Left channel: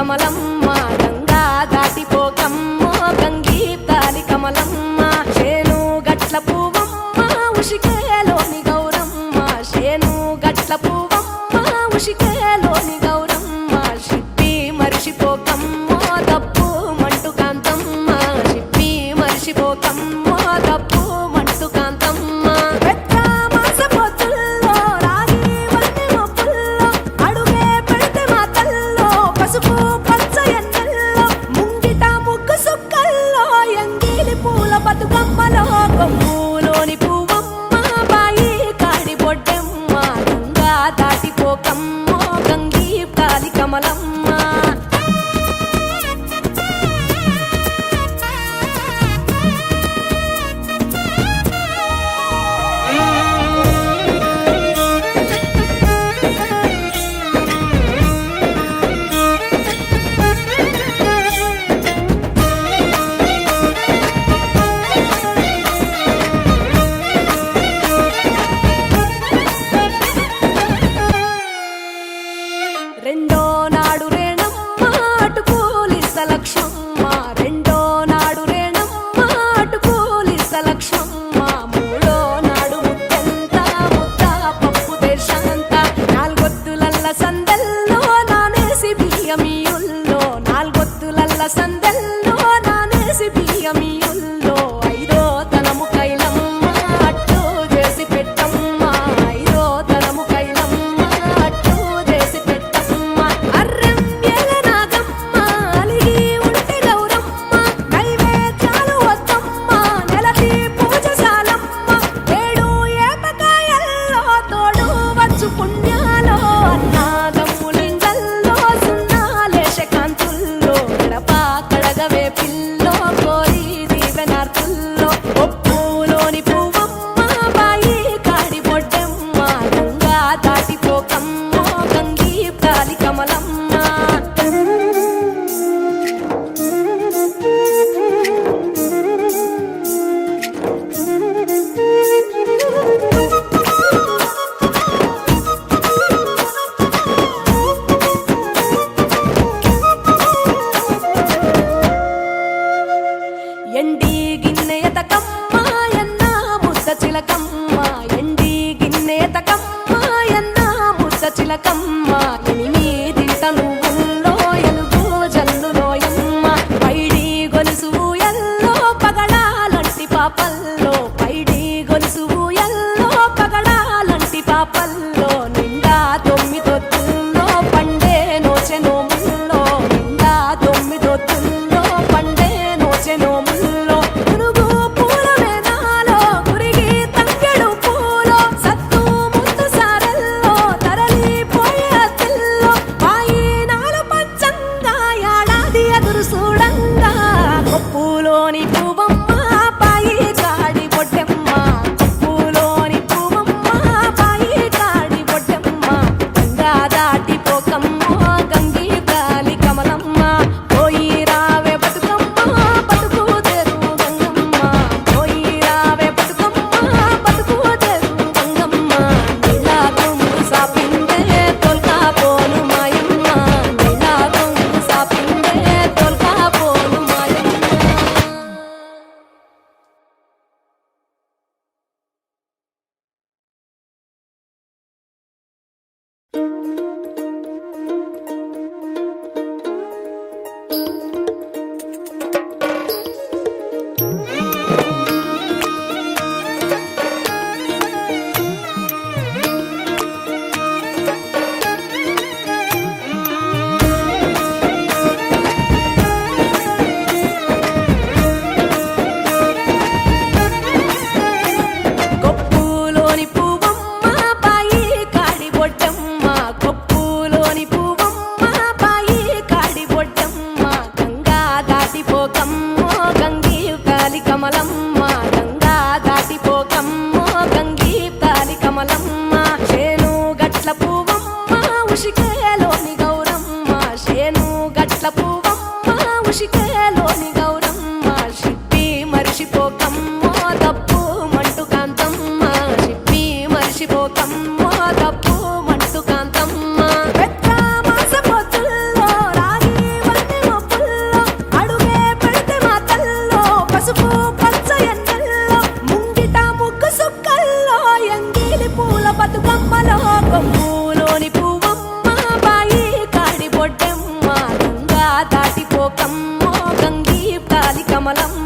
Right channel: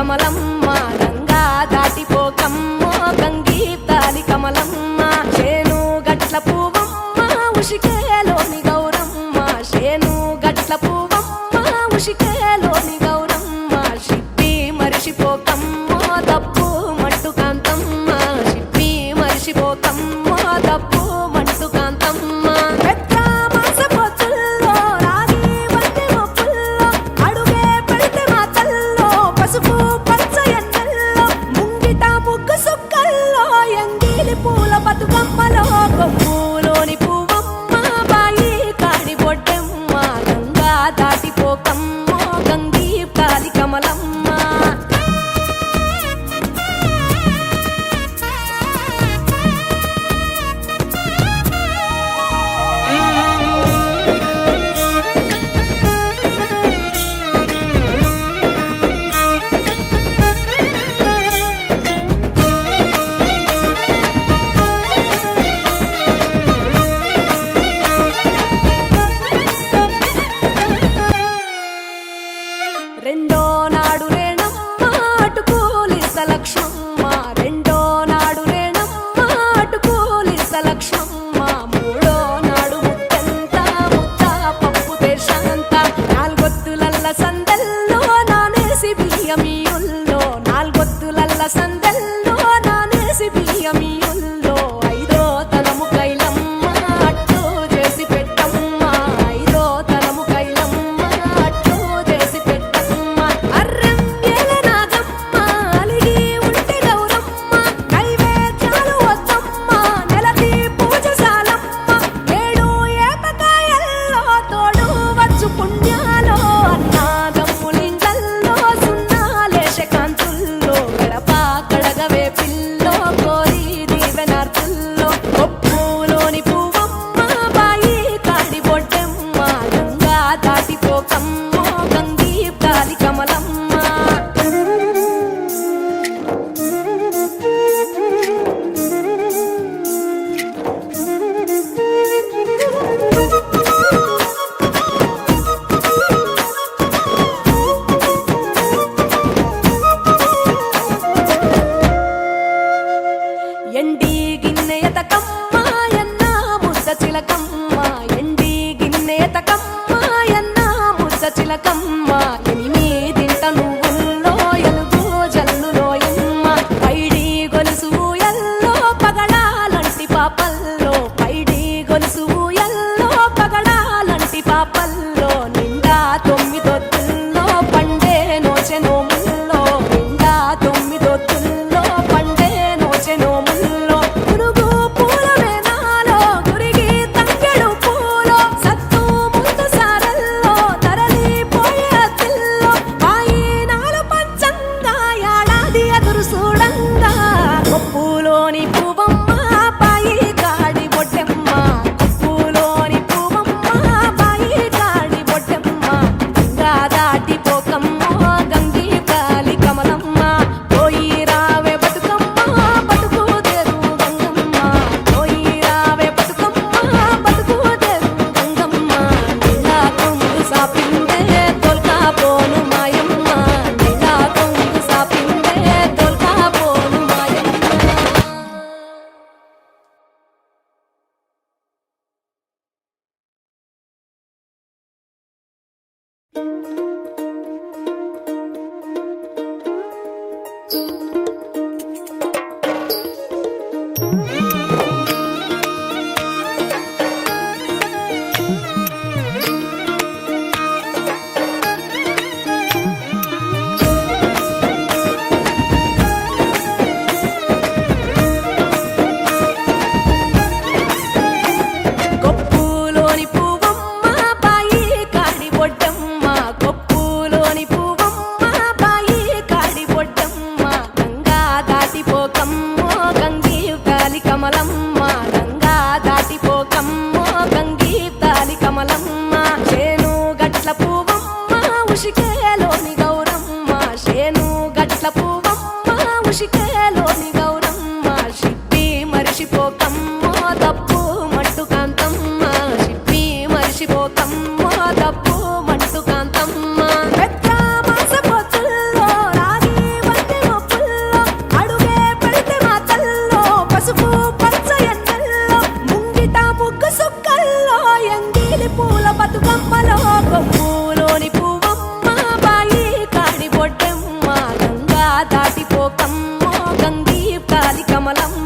కమలమ్మ గంగా దాటిపోకమ్మో గంగీతాలి కమలమ్మ శేను గట్ల పువ్వమ్మ ఉషికేలోని గౌరమ్మ శేను గట్ల పువ్వమ్మ ఉషికేలోని గౌరమ్మ షిప్పి మరిషిపోకమ్మో తప్పు మంటు కాంతమ్మ షిప్పి మరిషిపోకమ్మో తప్పు మంటు కాంతమ్మ పసుపు పచ్చ ఎన్నెల్లో ముంగిట ముగ్గు సుక్కల్లో ఎంగిలి పూల బతుకమ్మలో కొమ్ములోని పువ్వమ్మ బాయి కాడి బొడ్డెమ్మ గంగా దాటిపోకమ్మో గంగీతాలి కమలమ్మ రెండో నాడు రేణమ్మ అటుకూలిస్త లక్ష్మమ్మ రెండో నాడు రేణమ్మ అటుకూలిస్త లక్ష్మమ్మ మూడో నాడు ముత్తెంత ముద్ద పప్పు దేశంత నాలుగొత్తులల్ల సందెల్లో నానేసి బియ్యమియుల్లో నాలుగొత్తులల్ల సందెల్లో నానేసి బియ్యమియుల్లో ఐదో తనము కైలమ్మ అట్టు చేసి పెట్టమ్మ ఐదో తనము కైలమ్మ పుణ్యాలో అన్నాదమ్ములింగల్లో సున్నాలేశ కాంతుల్లో గడప కడగవే పిల్లో కోరి దీవెనార్తుల్లో ఒప్పులోని పువ్వమ్మ బాయి కాడి బొడ్డెమ్మ గంగా దాటిపోకమ్మో గంగీతాలి కమలమ్మ ఎండి గిన్నెయతకమ్మ ఎన్న ముద్ద చిలకమ్మ ఎండి గిన్నెయతకమ్మ ఎన్న ముద్ద చిలకమ్మ ఎనిమిదింట నువ్వుల్లో ఎలుగు జల్లులోయమ్మ పైడి గొలుసు ఎల్లో పగడాలంటి పాపల్లో పైడి గొలుసు ఎల్లో పగడాలంటి పాపల్లో నిండా తొమ్మిదొత్తుల్లో పండే నోచె నోముల్లో నిండా తొమ్మిదొత్తుల్లో పండే నోచె నోముల్లో పునుగు పూల మేనాలో గురిగి తంగెడు పూలో సత్తు ముందు సారల్లో తరలిపోయే అత్తిల్లో పాయినాలు పంచంగా ఏడాది ఎదురు చూడంగా కొప్పులోని పువ్వమ్మ పాయి కాడి బొడ్డెమ్మ కొప్పులోని పువ్వమ్మ పాయి కాడి బొడ్డెమ్మ గంగా దాటిపోకమ్మో గంగీత మరిసిపోకమ్మో గంగీప్తాలి కమలమ్మ చేను గట్ల పువ్వమ్మ ఉషికేలోని గౌరమ్మ చేను గట్ల పువ్వమ్మ ఉషికేలోని గౌరమ్మ షిప్పి మరిసిపోకమ్మో తప్పు మంటు కాంతమ్మ షిప్పి మరిసిపోకమ్మో తప్పు మంటు కాంతమ్మ పెద్ద మాస పొత్తుల్లో రాగి వన్నె మొప్పుల్లో అడుగే పెడితే మా తల్లో పసుపు పచ్చ ఎన్నెల్లో ముంగిట ముగ్గు సుక్కల్లో ఎంగిలి పూల బతుకమ్మలో కొమ్ములోని పువ్వమ్మ బాయి కాడి బొడ్డెమ్మ గంగా దాటిపోకమ్మో గంగీప్తాలి కమలమ్మ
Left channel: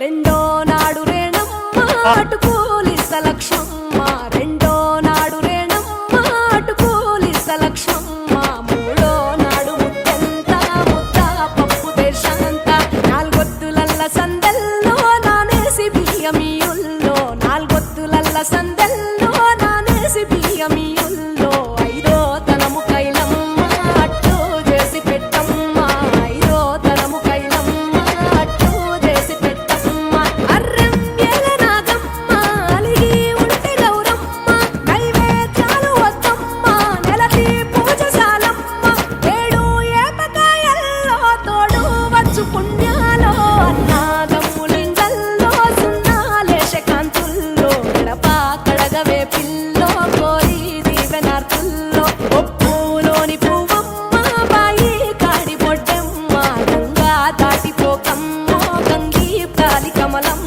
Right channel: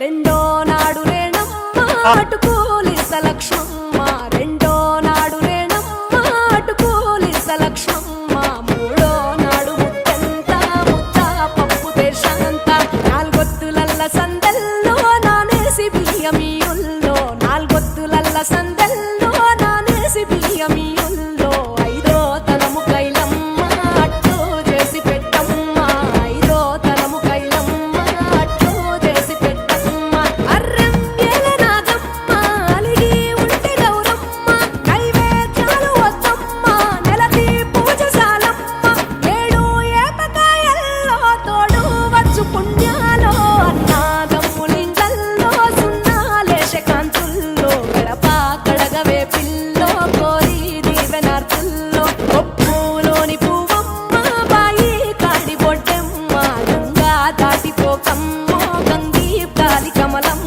రెండో నాడు రేణమ్మ అటుకూలిస్త లక్ష్మమ్మ రెండో నాడు రేణమ్మ అటుకూలిస్త లక్ష్మమ్మ మూడో నాడు ముత్తెంత ముద్ద పప్పు దేశంత నాలుగొత్తులల్ల సందెల్లో నానేసి బియ్యమియుల్లో నాలుగొత్తులల్ల సందెల్లో నానేసి బియ్యమియుల్లో ఐదో తనము కైలమ్మ అట్టు చేసి పెట్టమ్మ ఐదో తనము కైలమ్మ అట్టు చేసి పెట్టమ్మ అర్రం ఏల నాగమ్మ అలిగి ఉంటే గౌరమ్మ నైవేద్యాలు వద్దమ్మ నెలతి పూజశాలమ్మ ఏడు ఏపకాయల్లో తోడు వచ్చు పుణ్యాలో అన్నాదమ్ములింగల్లో సున్నాలేశ కాంతుల్లో గడప కడగవే పిల్లో కోరి దీవెనార్తుల్లో ఒప్పులోని పువ్వమ్మ బాయి కాడి బొడ్డెమ్మ గంగా దాటిపోకమ్మో గంగీప్తాలి కమలమ్మ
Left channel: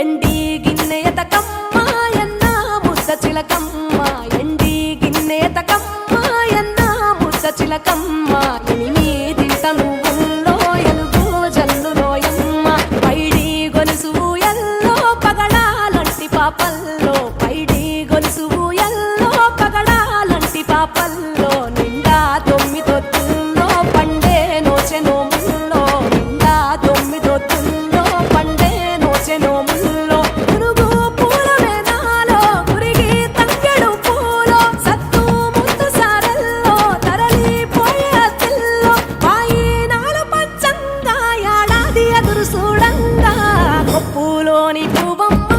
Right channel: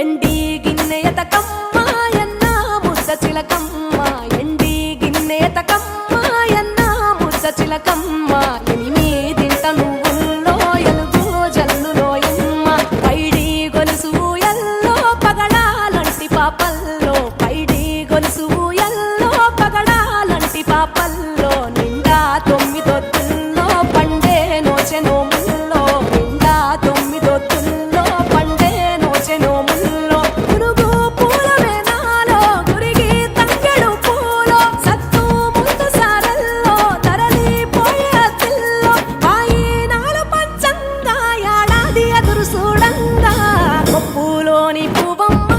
ఎండి గిన్నెయతకమ్మ ఎన్న ముద్ద చిలకమ్మ ఎండి గిన్నెయతకమ్మ ఎన్న ముద్ద చిలకమ్మ ఎనిమిదింట నువ్వుల్లో ఎలుగు జల్లులోయమ్మ పైడి గొలుసు ఎల్లో పగడాలంటి పాపల్లో పైడి గొలుసు ఎల్లో పగడాలంటి పాపల్లో నిండా తొమ్మిదొత్తుల్లో పండే నోచె నోముల్లో నిండా తొమ్మిదొత్తుల్లో పండే నోచె నోముల్లో పురుగు పూల మేనాలో గురిగి తంగెడు పూలో సత్తు ముందు సారల్లో తరలిపోయే అతిల్లో పాయినాలు పంచంగా ఏడాది ఎదురు చూడంగా కొప్పులోని పువ్వమ్మ